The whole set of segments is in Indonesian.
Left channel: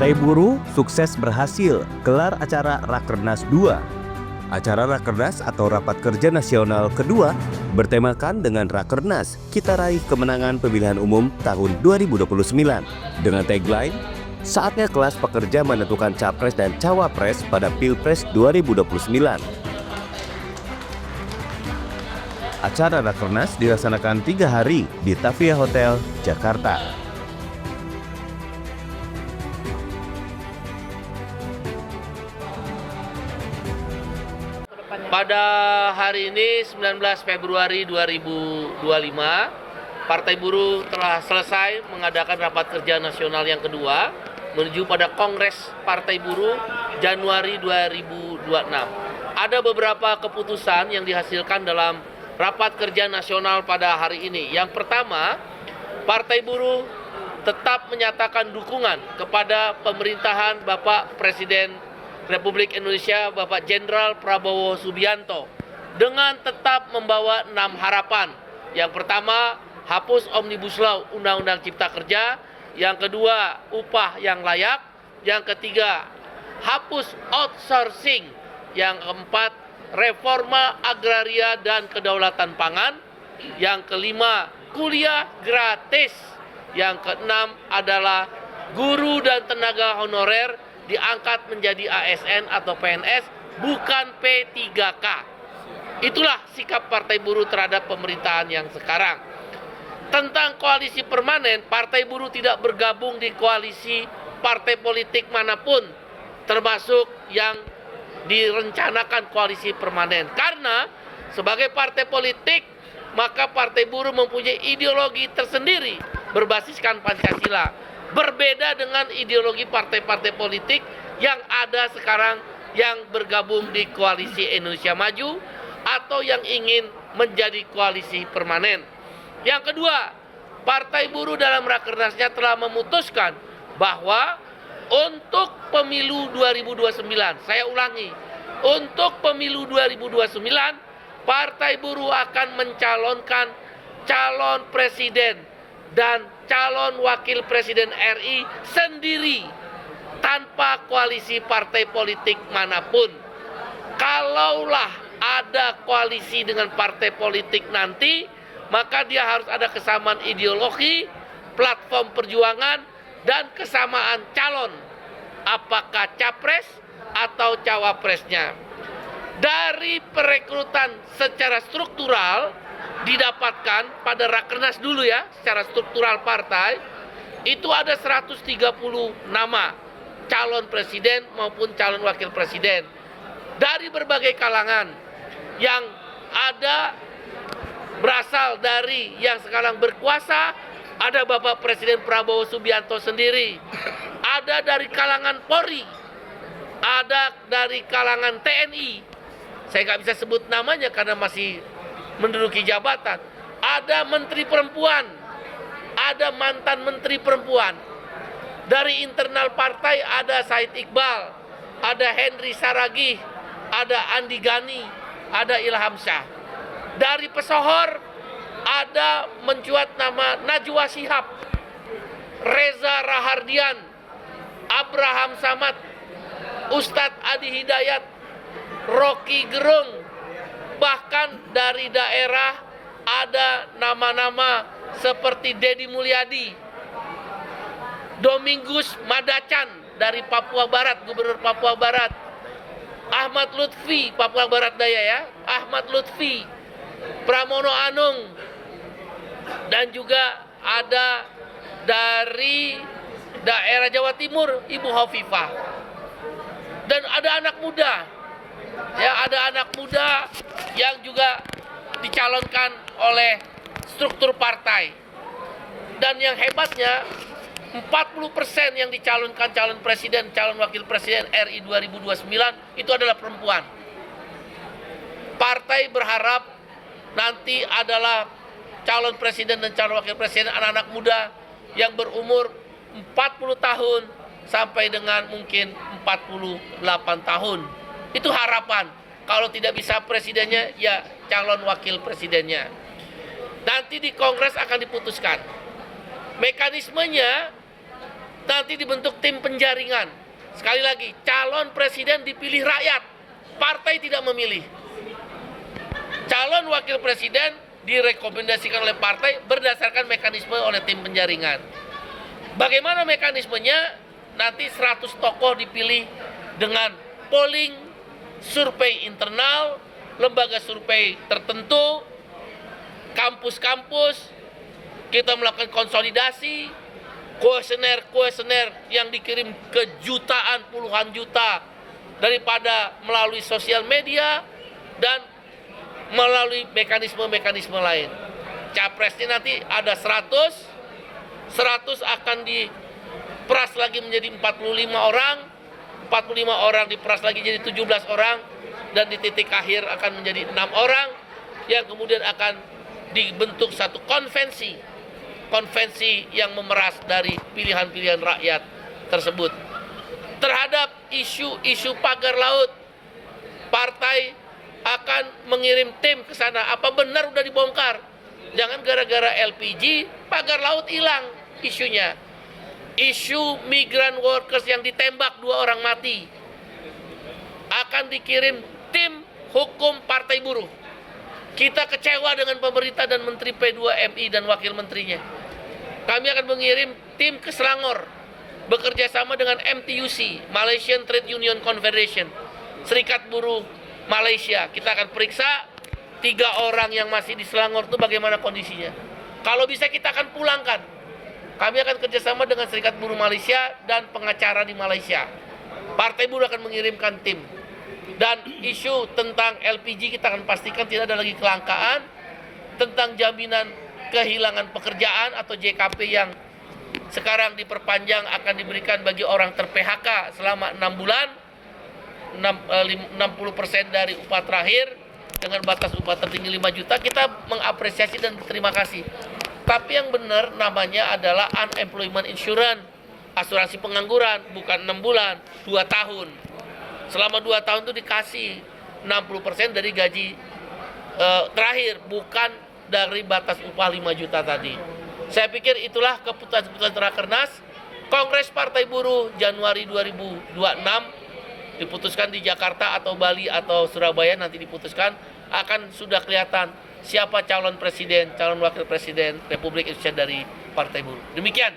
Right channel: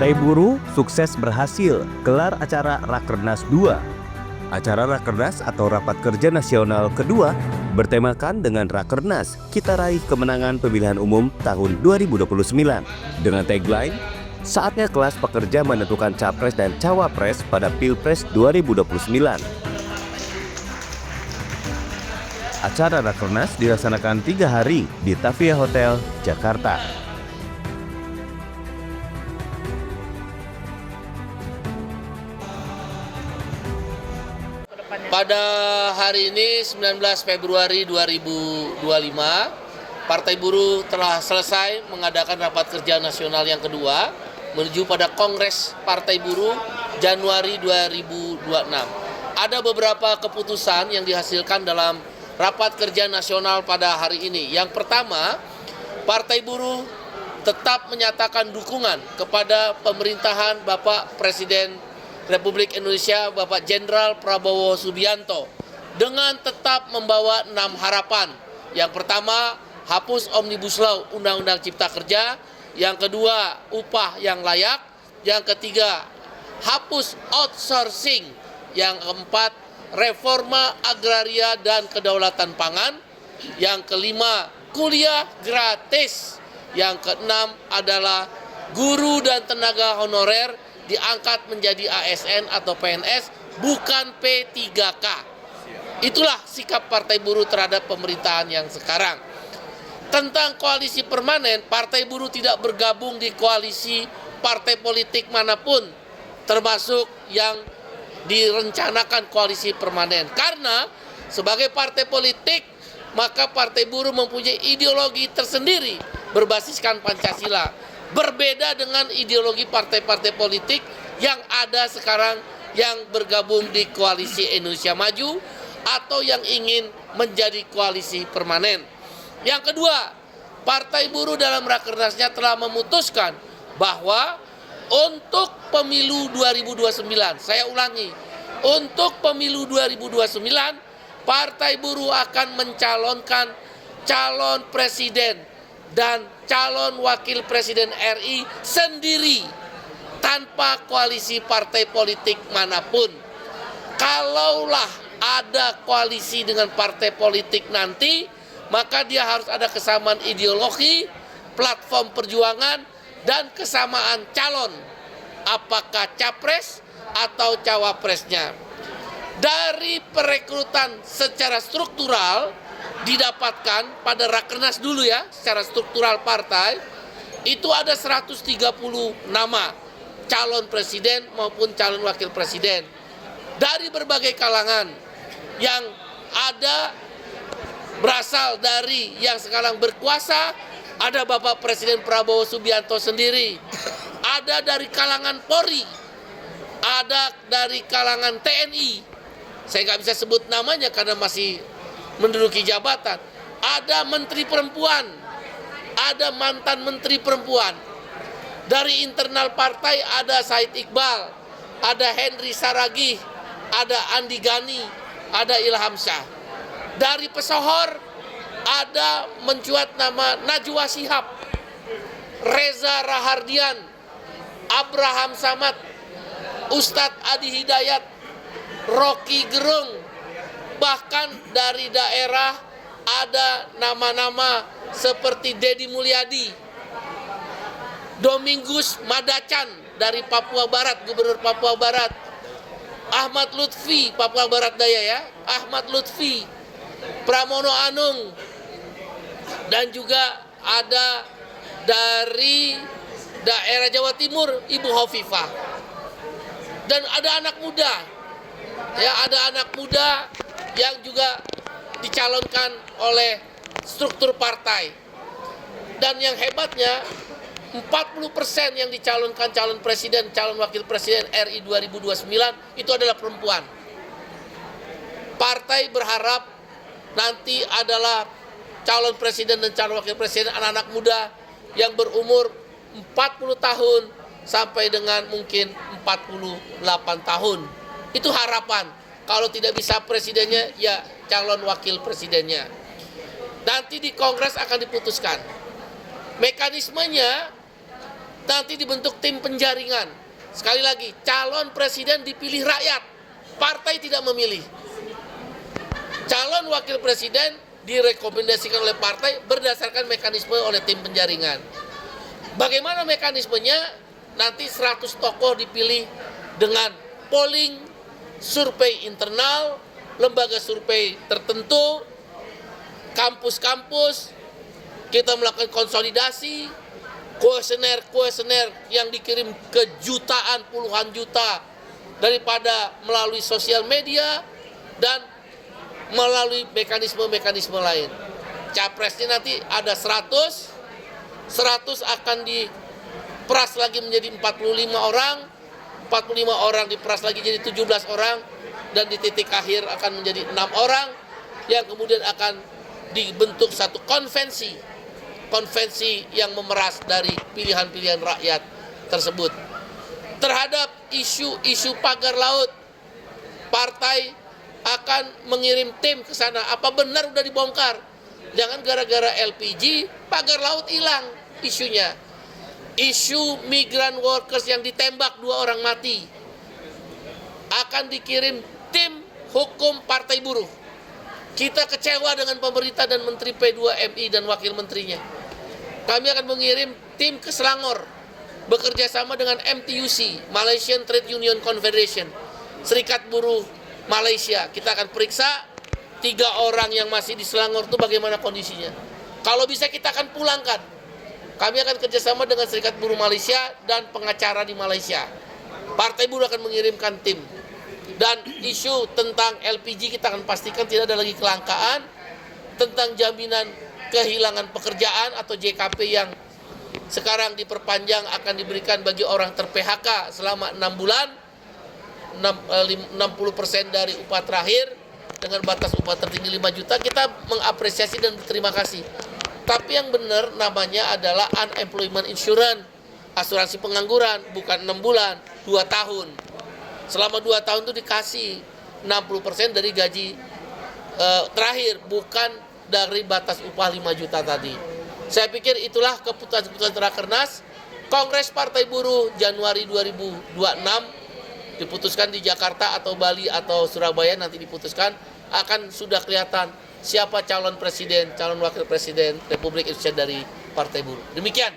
Partai Buruh sukses berhasil gelar acara Rakernas 2. Acara Rakernas atau Rapat Kerja Nasional kedua bertemakan dengan Rakernas, kita raih kemenangan pemilihan umum tahun 2029. Dengan tagline, saatnya kelas pekerja menentukan Capres dan Cawapres pada Pilpres 2029. Acara Rakernas dilaksanakan 3 hari di Tavia Hotel, Jakarta. Pada hari ini 19 Februari 2025, Partai Buruh telah selesai mengadakan rapat kerja nasional yang kedua menuju pada Kongres Partai Buruh Januari 2026. Ada beberapa keputusan yang dihasilkan dalam rapat kerja nasional pada hari ini. Yang pertama, Partai Buruh tetap menyatakan dukungan kepada pemerintahan Bapak Presiden Republik Indonesia Bapak Jenderal Prabowo Subianto dengan tetap membawa 6 harapan. Yang pertama, hapus Omnibus Law Undang-Undang Cipta Kerja. Yang kedua, upah yang layak. Yang ketiga, hapus outsourcing. Yang keempat, reforma agraria dan kedaulatan pangan. Yang kelima, kuliah gratis. Yang keenam adalah guru dan tenaga honorer diangkat menjadi ASN atau PNS, bukan P3K. Itulah sikap Partai Buruh terhadap pemerintahan yang sekarang. Tentang koalisi permanen, Partai Buruh tidak bergabung di koalisi partai politik manapun, termasuk yang direncanakan koalisi permanen. Karena sebagai partai politik, maka Partai Buruh mempunyai ideologi tersendiri berbasiskan Pancasila. Berbeda dengan ideologi partai-partai politik yang ada sekarang yang bergabung di koalisi Indonesia Maju atau yang ingin menjadi koalisi permanen. Yang kedua, Partai Buruh dalam Rakernasnya telah memutuskan bahwa untuk pemilu 2029, saya ulangi, untuk pemilu 2029, Partai Buruh akan mencalonkan calon presiden dan calon wakil presiden RI sendiri tanpa koalisi partai politik manapun. Kalaulah ada koalisi dengan partai politik nanti, maka dia harus ada kesamaan ideologi, platform perjuangan, dan kesamaan calon, apakah capres atau cawapresnya. Dari perekrutan secara struktural didapatkan pada Rakernas dulu ya, secara struktural partai, itu ada 130 nama calon presiden maupun calon wakil presiden dari berbagai kalangan yang ada berasal dari yang sekarang berkuasa. Ada Bapak Presiden Prabowo Subianto sendiri, ada dari kalangan Polri, ada dari kalangan TNI, saya nggak bisa sebut namanya karena masih menduduki jabatan. Ada menteri perempuan, ada mantan menteri perempuan. Dari internal partai ada Said Iqbal, ada Henry Saragih, ada Andi Gani, ada Ilham Syah. Dari pesohor ada mencuat nama Najwa Shihab, Reza Rahardian, Abraham Samad, Ustadz Adi Hidayat, Rocky Gerung. Bahkan dari daerah ada nama-nama seperti Deddy Mulyadi, Domingus Madacan dari Papua Barat, Gubernur Papua Barat, Ahmad Lutfi, Papua Barat Daya ya, Ahmad Lutfi, Pramono Anung, dan juga ada dari daerah Jawa Timur, Ibu Hovifah. Dan ada anak muda, ya ada anak muda yang juga dicalonkan oleh struktur partai. Dan yang hebatnya 40% yang dicalonkan calon presiden, calon wakil presiden RI 2029 itu adalah perempuan. Partai berharap nanti adalah calon presiden dan calon wakil presiden anak-anak muda yang berumur 40 tahun sampai dengan mungkin 48 tahun. Itu harapan. Kalau tidak bisa presidennya, ya calon wakil presidennya. Nanti di Kongres akan diputuskan. Mekanismenya nanti dibentuk tim penjaringan. Sekali lagi, calon presiden dipilih rakyat, partai tidak memilih. Calon wakil presiden direkomendasikan oleh partai berdasarkan mekanisme oleh tim penjaringan. Bagaimana mekanismenya? Nanti 100 tokoh dipilih dengan polling, survei internal, lembaga survei tertentu, kampus-kampus, kita melakukan konsolidasi, kuesioner yang dikirim ke jutaan, puluhan juta daripada melalui sosial media dan melalui mekanisme-mekanisme lain. Capresnya nanti ada 100 akan diperas lagi menjadi 45 orang, 45 orang diperas lagi jadi 17 orang, dan di titik akhir akan menjadi 6 orang yang kemudian akan dibentuk satu konvensi yang memeras dari pilihan-pilihan rakyat tersebut. Terhadap isu-isu pagar laut, partai akan mengirim tim ke sana. Apa benar udah dibongkar? Jangan gara-gara LPG pagar laut hilang isunya. Isu migran workers yang ditembak 2 orang mati akan dikirim tim hukum Partai Buruh. Kita kecewa dengan pemerintah dan Menteri P2MI dan wakil menterinya. Kami akan mengirim tim ke Selangor bekerja sama dengan MTUC, Malaysian Trade Union Confederation, Serikat Buruh Malaysia. Kita akan periksa 3 orang yang masih di Selangor itu bagaimana kondisinya. Kalau bisa kita akan pulangkan. Kami akan kerjasama dengan Serikat Buruh Malaysia dan pengacara di Malaysia. Partai Buruh akan mengirimkan tim. Dan isu tentang LPG kita akan pastikan tidak ada lagi kelangkaan. Tentang jaminan kehilangan pekerjaan atau JKP yang sekarang diperpanjang akan diberikan bagi orang ter-PHK selama 6 bulan. 60% dari upah terakhir dengan batas upah tertinggi 5 juta, kita mengapresiasi dan berterima kasih. Tapi yang benar namanya adalah unemployment insurance, asuransi pengangguran, bukan 6 bulan, 2 tahun. Selama 2 tahun itu dikasih 60% dari gaji terakhir, bukan dari batas upah 5 juta tadi. Saya pikir itulah keputusan Rakernas. Kongres Partai Buruh Januari 2026 diputuskan di Jakarta atau Bali atau Surabaya, nanti diputuskan, akan sudah kelihatan siapa calon presiden, calon wakil presiden Republik Indonesia dari Partai Buruh. Demikian.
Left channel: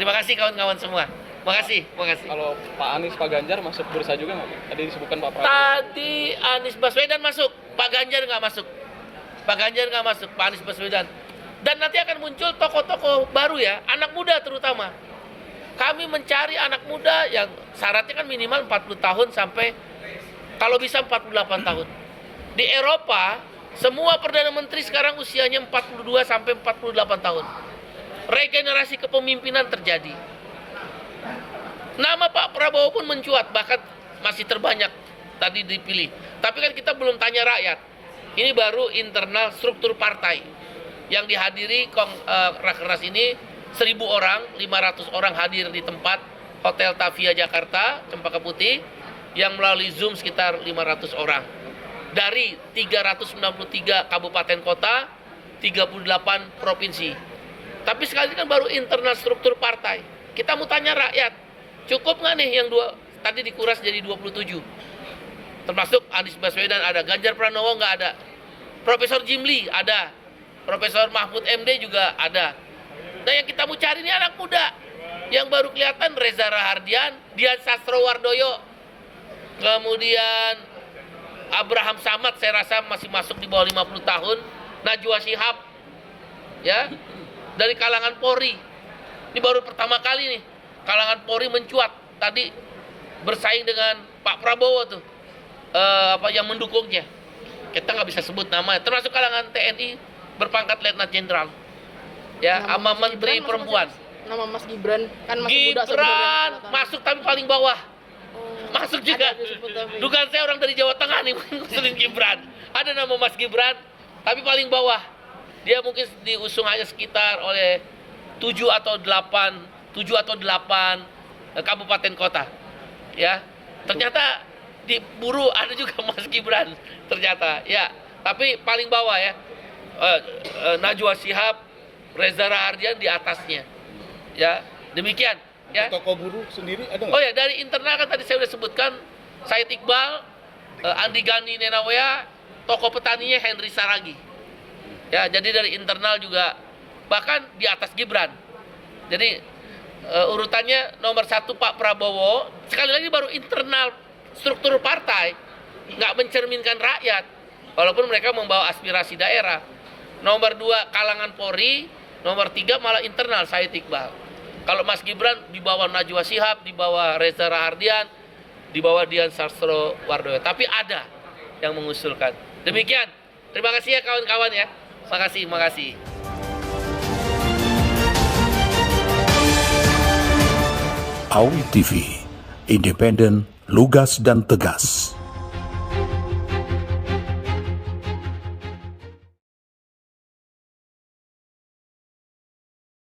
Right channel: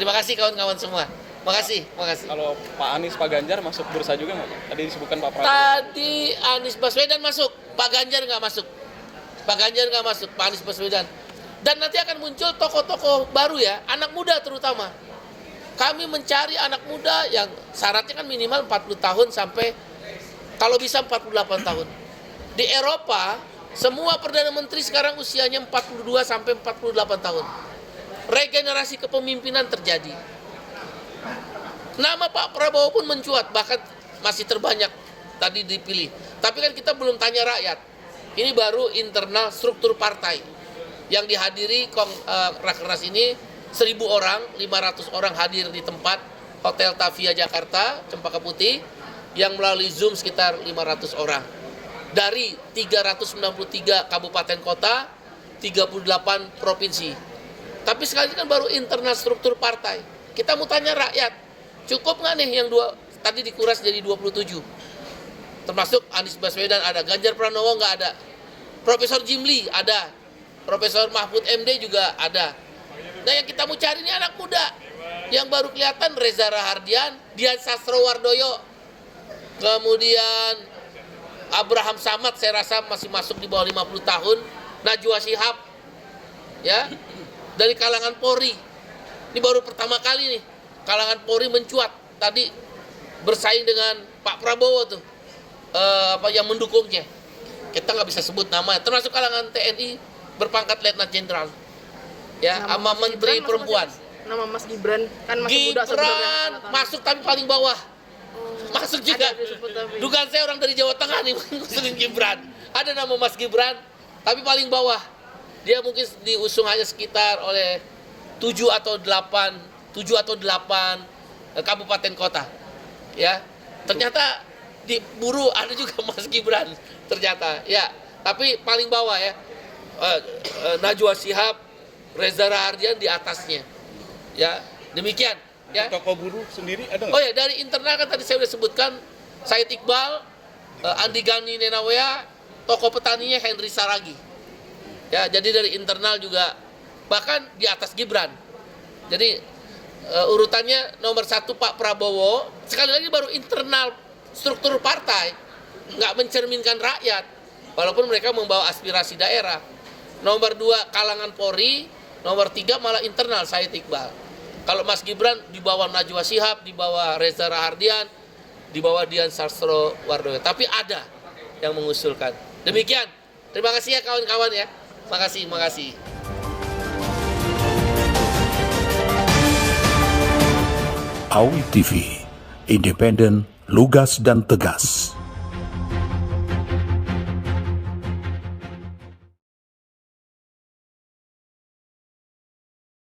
Terima kasih kawan-kawan semua. Makasih. Kalau Pak Anies, Pak Ganjar masuk bursa juga nggak Pak? Tadi disebutkan Pak Prabowo. Tadi Anies Baswedan masuk, Pak Ganjar nggak masuk. Pak Anies Baswedan. Dan nanti akan muncul tokoh-tokoh baru ya, anak muda terutama. Kami mencari anak muda yang syaratnya kan minimal 40 tahun sampai kalau bisa 48 tahun. Di Eropa, semua Perdana Menteri sekarang usianya 42 sampai 48 tahun. Regenerasi kepemimpinan terjadi. Nama Pak Prabowo pun mencuat, bahkan masih terbanyak tadi dipilih. Tapi kan kita belum tanya rakyat. Ini baru internal struktur partai. Yang dihadiri Rakernas ini 1.000 orang, 500 orang hadir di tempat Hotel Tavia Jakarta, Cempaka Putih, yang melalui Zoom sekitar 500 orang. Dari 393 kabupaten kota, 38 provinsi. Tapi sekali kan baru internal struktur partai. Kita mau tanya rakyat, cukup nggak nih yang tadi dikuras jadi 27? Termasuk Anies Baswedan ada, Ganjar Pranowo nggak ada, Profesor Jimli ada, Profesor Mahfud MD juga ada. Nah yang kita mau cari ini anak muda yang baru kelihatan, Reza Rahardian, Dian Sastrowardoyo, kemudian Abraham Samad saya rasa masih masuk di bawah 50 tahun, Najwa Shihab, ya, dari kalangan Polri. Ini baru pertama kali nih kalangan Polri mencuat tadi bersaing dengan Pak Prabowo tuh, yang mendukungnya. Kita nggak bisa sebut namanya, termasuk kalangan TNI berpangkat Letnan Jenderal, ya, sama Menteri Perempuan. Nama Mas Gibran kan masih muda sebenarnya. Gibran masuk tapi paling bawah. Masuk juga. Dugaan saya orang dari Jawa Tengah nih ngusulin Gibran. Ada nama Mas Gibran tapi paling bawah. Dia mungkin diusung hanya sekitar oleh 7 atau 8 kabupaten kota. Ya. Ternyata di Buruh ada juga Mas Gibran ternyata. Ya, tapi paling bawah ya. Najwa Shihab, Reza Rahardian di atasnya. Ya, demikian. Ya. Tokoh buruh sendiri ada nggak? Oh ya, dari internal kan tadi saya sudah sebutkan, Said Iqbal, Andi Gani Nenawea, tokoh petaninya Henry Saragi. Ya, jadi dari internal juga, bahkan di atas Gibran. Jadi urutannya nomor 1 Pak Prabowo, sekali lagi baru internal struktur partai, nggak mencerminkan rakyat, walaupun mereka membawa aspirasi daerah. Nomor 2 kalangan Polri, nomor 3 malah internal Said Iqbal. Kalau Mas Gibran di bawah Najwa Shihab, di bawah Reza Rahardian, di bawah Dian Sastrowardoyo. Tapi ada yang mengusulkan. Demikian. Terima kasih ya kawan-kawan ya. Makasih. AWI TV, independen, lugas dan tegas.